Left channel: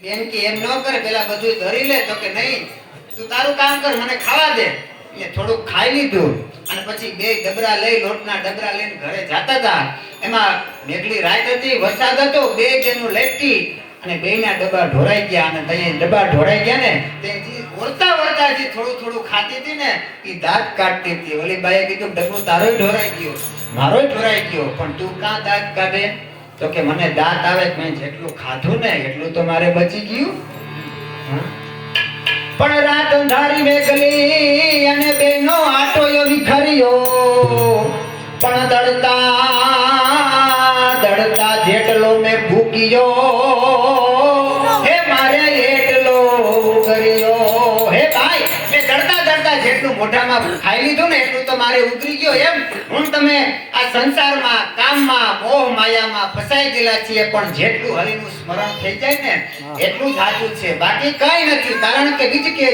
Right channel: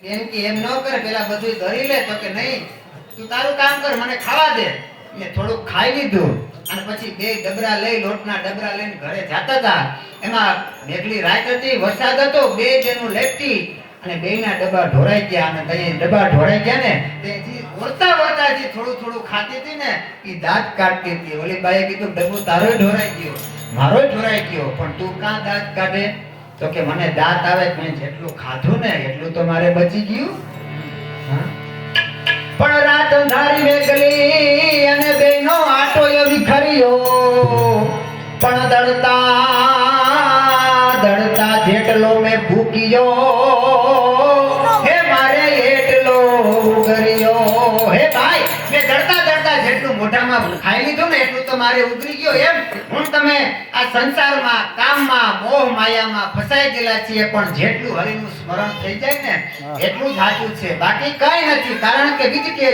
એમ કે એમ ન કરે, પેલા બધું ધરી લે. તો કે નહીં, તું તારું કામ કર, મને ખાવા દે. એટલે થોડુંક ખાઈ લીધું અને પછી બે ડબરા લઈ, લોટના ડબરા લઈને ઘરે જતા હતા. એમાં મેઘલી રાત હતી, વરસાદ હતો, બે જેનું લેપટી અને બેયના ડબ્બા ઢોરાઈ ગયા. અને ત્યાં ડબ્બા ઢોરાઈ ગયા ને તે ઓરતા ઓરતા જે થોડું થોડું ખાતી હતી ને એ દાંત કાઢતી હતી. ઓલી બાઈએ કીધું, ડબ્બો તારો ઢોરાઈ ગયો, મારો ઢોરાઈ ગયો, પણ તું કાં દાંત કાઢે? તો કે મને દાંત આવે, મેં જેટલું ખાધું ને એટલું તો મારે બચી ગયું. પણ રાત અંધારી મેઘલી અને બેનો આટો વિખર્યો, પણ દળતા દળતા જેટલો મેં ભૂક્યો, હે મારે એટલો ઉગર્યો. હે ભાઈ, મેં દળતા દળતા જેટલું મોઢામાં ખાઈ લીધું ને એટલું તો મારે ઉગરી ગયો. એમ હું તમે આ સંસારમાં, કામમાં, મોહ માયામાં ફસાઈ ગયેલા છીએ, પણ જેટલું હરિનું સ્મરણ થઈ જાય ને એટલું જ સાચું છે, બાકી કઈ નથી. કારણ કે બીજ કે